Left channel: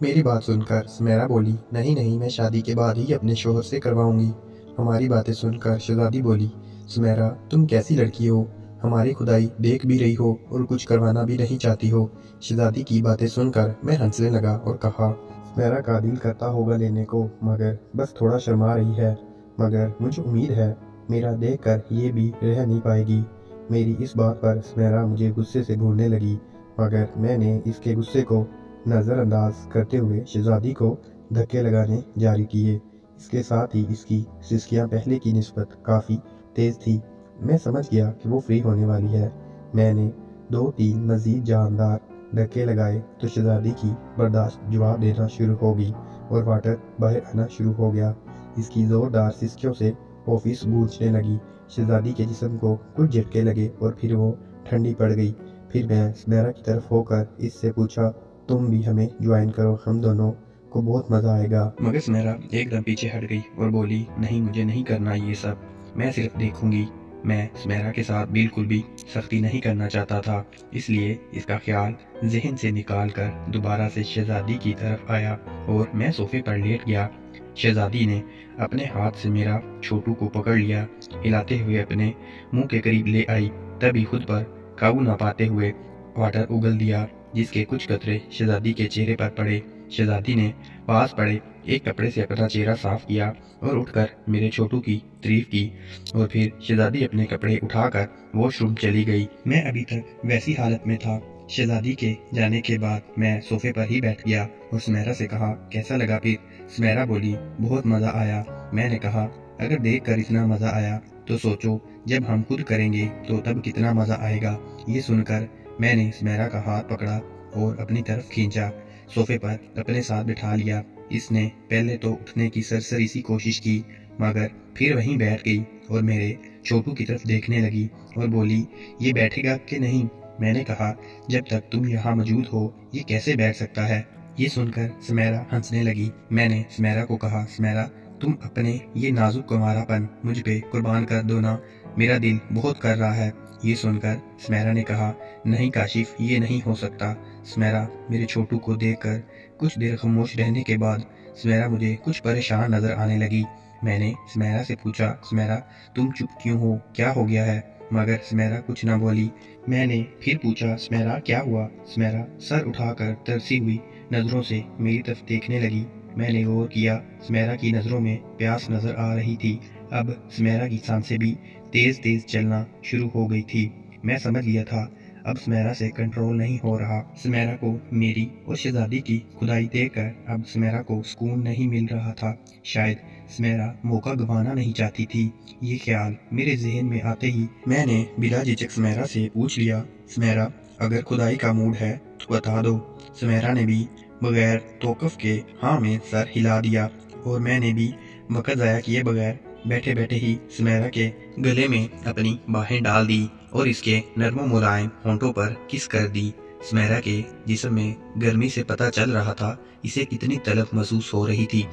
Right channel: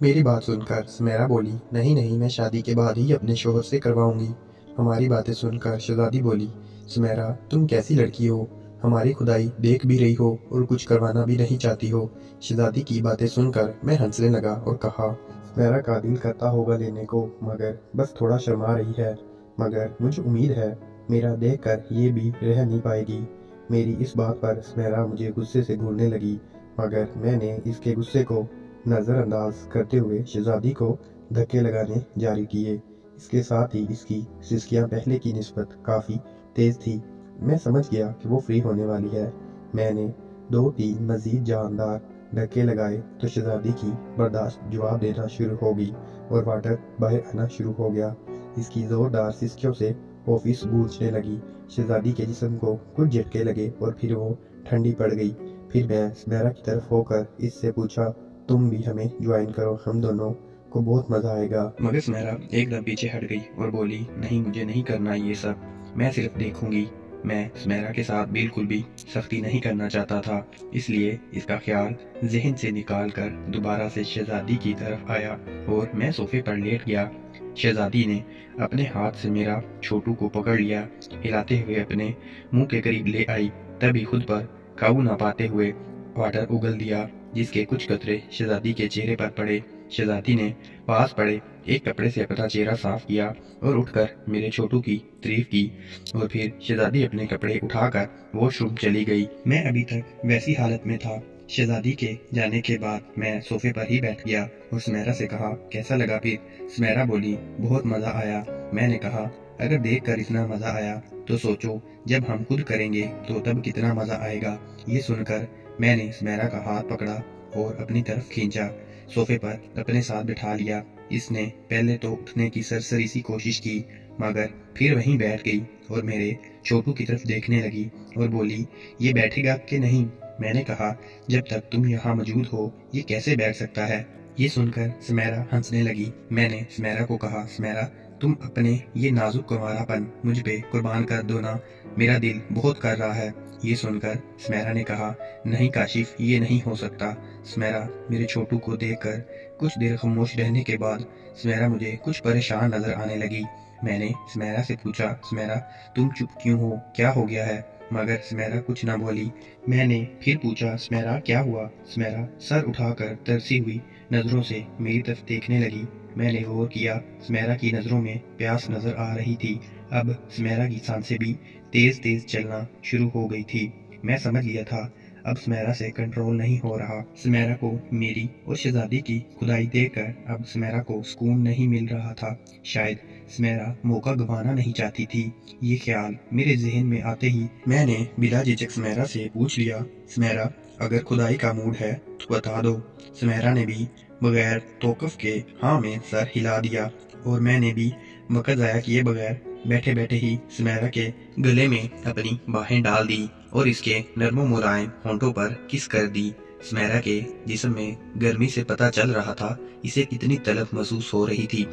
मेरी बात सुनकर सुमेरा बोली, नहीं नहीं, मैं शादी के बाद ही अपने शोहर से करवाऊंगी। हमारी बातें सुनकर शहजादी बोली, सुमेरा तुम कैसी लड़की हो, हमारी खुदाई देख भी रही हो और कुछ करवाना भी नहीं चाहती हो। शहजादी की बातें सुनकर मैं हंसने लगा और कहा, सुमेरा का दिल करता होगा लेने को, मगर बस थोड़ा शर्मा रही है। मगर मुझे उम्मीद है मेरा देख कर ये भी रह नहीं पाएगी। मेरी इस बात पर सुमेरा मुझे गुस्से से घूरने लगी, मगर मैंने इसके गुस्से को नज़रअंदाज करते हुए शहजादी को धक्के लगाने जारी किए। इसके साथ ही इसकी सिसकियां पहले की निस्बत काफ़ी तेज़ थी। मैं समझ गया कि वो फ्री होने वाली है। मैंने 2-3 मज़ीद जानदार धक्के लगाए तो शहजादी की बर्दाश्त जवाब देना शुरू हो गई और वाटर बाहर आना शुरू हो गया। इसकी ज़ोरदार सिसकियों से ऑफिस गूंजने लगी। शहजादी के जिस्म को कुछ झटके लगे और फिर वो ठंडी पड़ गई। फिर मैं सुमेरा की तरफ होकर इससे पूछा, तुम भी हमें ज्वाइन करो, हम दोनों को बहुत मज़ा आएगा। मगर सुमेरा एकदम पीछे हट गई और बोली, नहीं, मुझे नहीं करना ये सब, मैं सिर्फ देखूंगी। मैं सुमेरा के साथ बिल्कुल भी सख्ती नहीं करना चाहता था, इसलिए इसका ख्याल जहन से निकाल कर दोबारा से शहजादी की तरफ आया और मैं सोफे पर लेट गया। शहजादी ने अपने हाथ से मेरा छोटू को पकड़ लिया, हिलाते हुए अपने मुंह के करीब ले आई। तभी खुद पर काबू ना पाते हुए वाटर उगल दिया, जिसके कुछ कतरे शहजादी के चेहरे पर पड़े। शहजादी ने पास पड़े एक कपड़े से अपना चेहरा साफ किया और उठकर मेरे छोटू की तारीफ की और फिर शहजादी अपने कपड़े उठाकर वॉशरूम चली गई। मैं अभी तक वैसी हालत में था। शहजादी के जाने के बाद मैं सोफे पर ही बैठ गया और सुमेरा से कहा, कैसा लगा फिर? सुमेरा बोली, बहुत मज़ा आया। मैंने कहा, अगर देख कर इतना मज़ा आया तो सोचो जब हम खुद करेंगे तो तब कितना मज़ा आएगा। ये सुनकर मैंने सुमेरा का हाथ पकड़ा और अपनी तरफ खींचा, सोफे पर अपने साथ बिठा लिया। इसने पहले तो उठने की सरसरी सी कोशिश की, मगर फिर वहीं बैठ गई और मेरे छोटू की तरफ देखने लगी और बोली, ये बैठेगा कि नहीं? मैंने कहा, जब तक तुम यहाँ मौजूद हो ये कैसे बैठ सकता है? ये सुनकर सुमेरा हंसने लगी। मैंने सुमेरा को कहा, सुमेरा तुम अपने ये नाजुक कुंवारापन मुझ पे कुर्बान कर दो ना, मेरा दिल बहुत कर रहा है। ये सुनकर सुमेरा ने कहा, नहीं काशिफ, ये नहीं हो सकता। सुमेरा मेरे छोटू को देखकर कुछ देर खामोश रहने के बाद सुमेरा मुझे कुछ परेशान नजर आने लगी। मैंने सुमेरा से पूछा, सुमेरा तुम चुप क्यों हो, क्या हो गया है? मगर सुमेरा कुछ न बोली। मैंने फिर पूछा, सुमेरा क्या हुआ? सुमेरा सर उठाकर तरसी हुई नज़रों से मेरी तरफ देखने लगी। मैंने गौर किया, सुमेरा की नज़रों में प्यास नजर आ रही थी। अब सुमेरा की सांसें भी तेज तेज चलना शुरू हो गई थी। मैं समझ गया था अब सुमेरा से कंट्रोल नहीं हो रहा। सुमेरा को मेरी और शहजादी की खुदाई देखकर अब सुमेरा को सुकून नहीं मिल रहा था। शायद सुमेरा मौका गंवाना नहीं चाहती थी। ये ख्याल मेरे जहन में आते ही मैंने बिला झिझक सुमेरा से पूछ लिया, सुमेरा अगर खुदाई का मूड है तो बता दो। सुमेरा ने भी बगैर तौक़ुफ़ के हाँ में सर हिला दिया और मैंने भी वक़्त ज़ाया किए बगैर बैठे बैठे ही सुमेरा के गले में अपनी बाहें डाल दी और इसके नरमो मुलायम होंठों पर किस कर दी। सुमेरा के जिस्म में गर्मी से पता चल रहा था इसे कितनी तलब महसूस हो रही थी।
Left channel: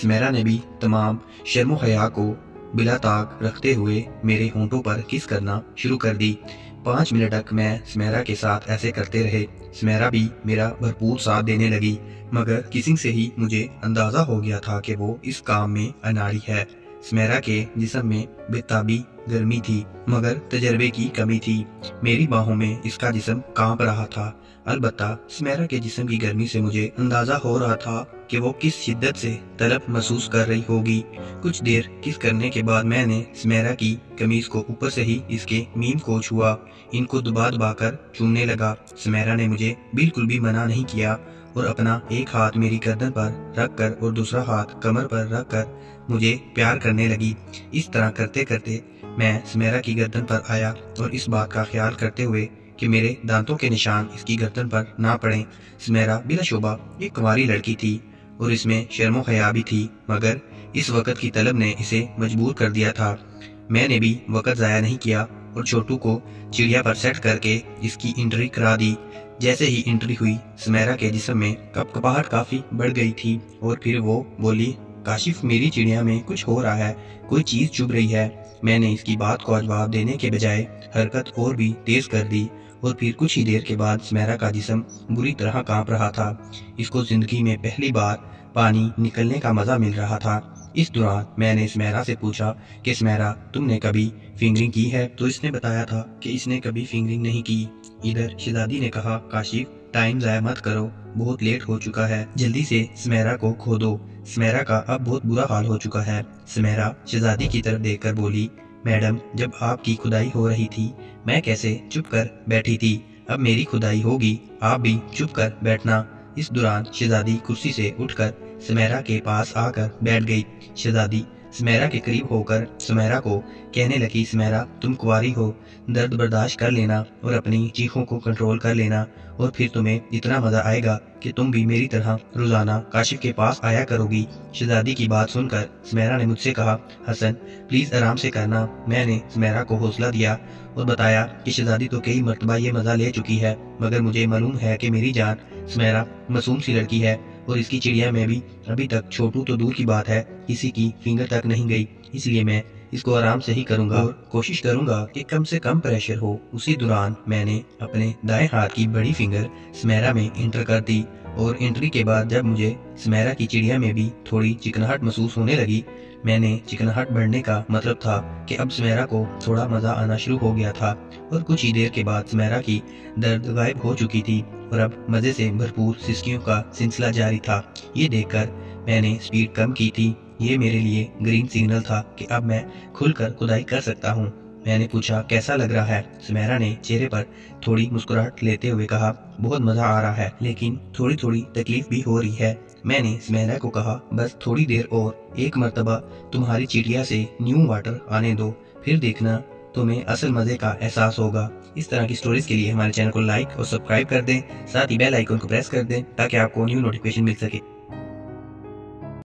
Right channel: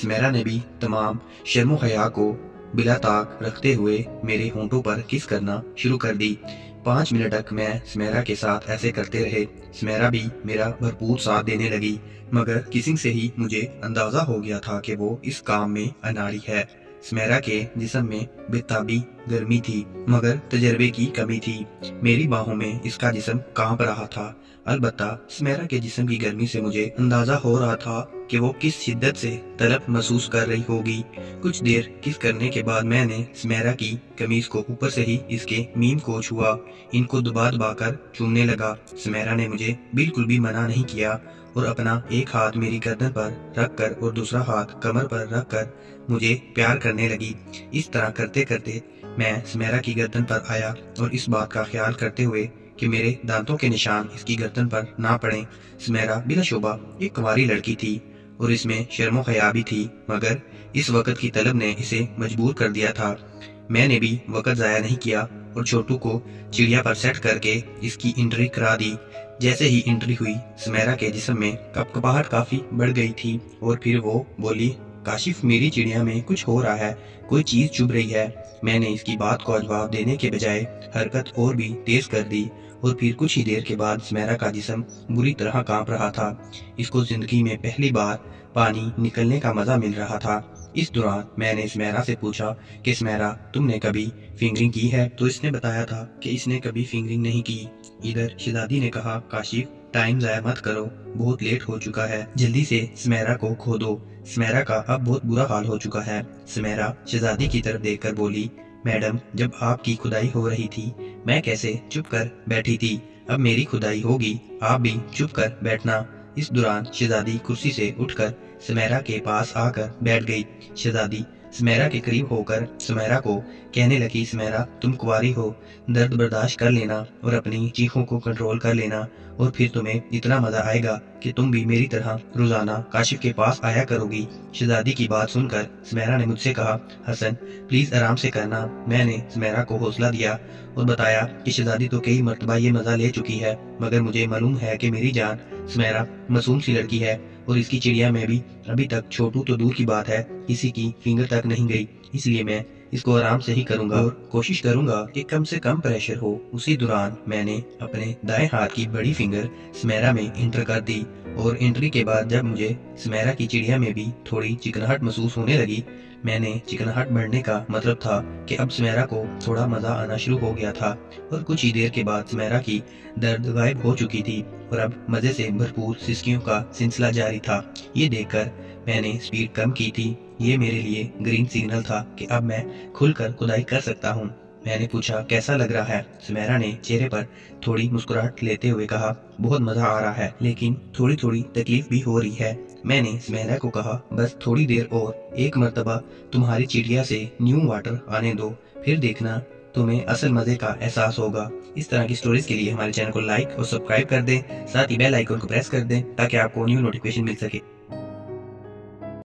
सुमेरा ने भी तमाम शर्मो हया को बिला ताक रखते हुए मेरे होंठों पर किस करना शुरू कर दी। 5 मिनट तक मैं सुमेरा के साथ ऐसे करते रहे। सुमेरा भी मेरा भरपूर साथ देने लगी, मगर किसिंग से ही मुझे अंदाज़ा हो गया था कि वो इस काम में अनाड़ी है। सुमेरा के जिस्म में बेताबी गर्मी थी, मगर तजर्बे की कमी थी। मेरी बाहों में इसका जिस्म कांप रहा था। अलबत्ता सुमेरा के जिस्म की गर्मी से मुझे अंदाज़ा हो रहा था कि वो किस शिद्दत से तलब महसूस कर रही होगी। कुछ देर किस करने के बाद मैंने सुमेरा की कमीज़ को ऊपर से ही इसके मीम को छुआ, इनको दबा दबा कर चूमने लगा। सुमेरा ने मुझे बिल्कुल भी मना नहीं किया और अपना एक हाथ मेरी गर्दन पर रख कर और दूसरा हाथ कमर पर रख कर मुझे प्यार करने लगी। इस तरह करते करते मैं सुमेरा की गर्दन पर आया और इस बात का ख्याल करते हुए कि मेरे दांतों के निशान इसकी गर्दन पर ना पड़ें। सुमेरा बिलाशुबा एक कुंवारी लड़की थी और इसमें शर्मो हया भी थी, मगर इस वक़्त की तलब ने इसे मजबूर कर दिया था। मैंने भी वक़्त ज़ाया नहीं किया और छोटू को चिड़िया पर सेट करके इसकी एंट्री करा दी। जैसे ही एंट्री हुई सुमेरा के जिस्म में कपकपाहट काफ़ी बढ़ गई थी और फिर वो बोली, काशिफ मेरी चिड़िया में कुछ हो रहा है, कोई चीज़ चुभ रही है। मैंने इसकी बात को जवाब देने के बजाय हरकत और भी तेज़ कर दी اور پھر کچھ ہی دیر کے بعد سمیرا کا جسم بری طرح کانپ رہا تھا۔ اس کو زندگی میں پہلی بار پانی نکلنے کا مزہ مل رہا تھا۔ اس دوران میں نے سمیرا سے پوچھا کہ سمیرا تم نے کبھی فنگرنگ کی ہے؟ تو اس نے بتایا تھا کہ اس نے کبھی فنگرنگ نہیں کی۔ ادھر شہزادی نے کہا کاشف ٹائم ضائع مت کرو، بہت لیٹ ہو چکا ہے، جلدی سے سمیرا کو کھو دو۔ سمیرا کا اب بہت برا حال ہو چکا ہے۔ سمیرا شہزادی کی طرف دیکھ کر بولی میڈم جب آپ کی کھدائی ہو رہی تھی میں کیسے چپ کر بیٹھی تھی، اب میری کھدائی ہوگی آپ بھی چپ کر بیٹھنا۔ اس دوران شہزادی کرسی سے اٹھ کر سمیرا کے پاس آ کر بیٹھ گئی۔ شہزادی سمیرا کے قریب ہو کر سمیرا کو کہنے لگی سمیرا تم کنواری ہو، درد برداشت کر لینا اور اپنی چیخوں کو کنٹرول کر لینا اور پھر تمہیں اتنا مزہ آئے گا کہ تم بھی میری طرح روزانہ کاشف کے پاس آیا کرو گی۔ شہزادی کی بات سن کر سمیرا نے مجھ سے کہا حسن پلیز آرام سے کرنا۔ میں نے سمیرا کو حوصلہ دیا اور بتایا کہ شہزادی تو کئی مرتبہ یہ مزہ لے چکی ہے مگر مجھے معلوم ہے کہ میری جان سمیرا معصوم سی لڑکی ہے اور اس کی چڑیا میں بھی ابھی تک چھوٹو تو دور کی بات ہے کسی کی فنگر تک نہیں گئی، اس لیے میں اس کو آرام سے ہی کروں گا اور کوشش کروں گا کہ کم سے کم پریشر ہو۔ اسی دوران میں نے اپنے دائیں ہاتھ کی بڑی فنگر سمیرا میں انٹر کر دی اور انٹری کے بعد جب مجھے سمیرا کی چڑیا میں بھی تھوڑی چکناہٹ محسوس ہونے لگی، میں نے چکناہٹ بڑھنے کا مطلب تھا کہ اب سمیرا کو تھوڑا مزہ آنا شروع ہو گیا تھا اور کچھ ہی دیر کے بعد سمیرا کی درد غائب ہو چکی تھی اور اب مزے سے بھرپور سسکیوں کا سلسلہ جاری تھا۔ یہ دیکھ کر میں نے سپیڈ کم کی تھی، یہ میرے لیے گرین سگنل تھا کہ اب میں کھل کر کھدائی کر سکتا ہوں۔ میں نے پوچھا کیسا لگ رہا ہے؟ سمیرا نے چہرے پر تھوڑی مسکراہٹ لیتے ہوئے کہا بہت مزہ آ رہا ہے لیکن تھوڑی تھوڑی تکلیف بھی ہو رہی ہے۔ میں نے سمیرا کو کہا بس تھوڑی دیر اور ایک مرتبہ تمہاری چڑیا سے نیو واٹر آنے دو، پھر دیکھنا تمہیں اصل مزے کا احساس ہوگا۔ اس طرح کی سٹوریز کے لیے ہمارے چینل کو لائک اور سبسکرائب کر دیں، ساتھ ہی بیل آئیکن کو پریس کر دیں تاکہ آپ کو نیو نوٹیفیکیشن مل سکے۔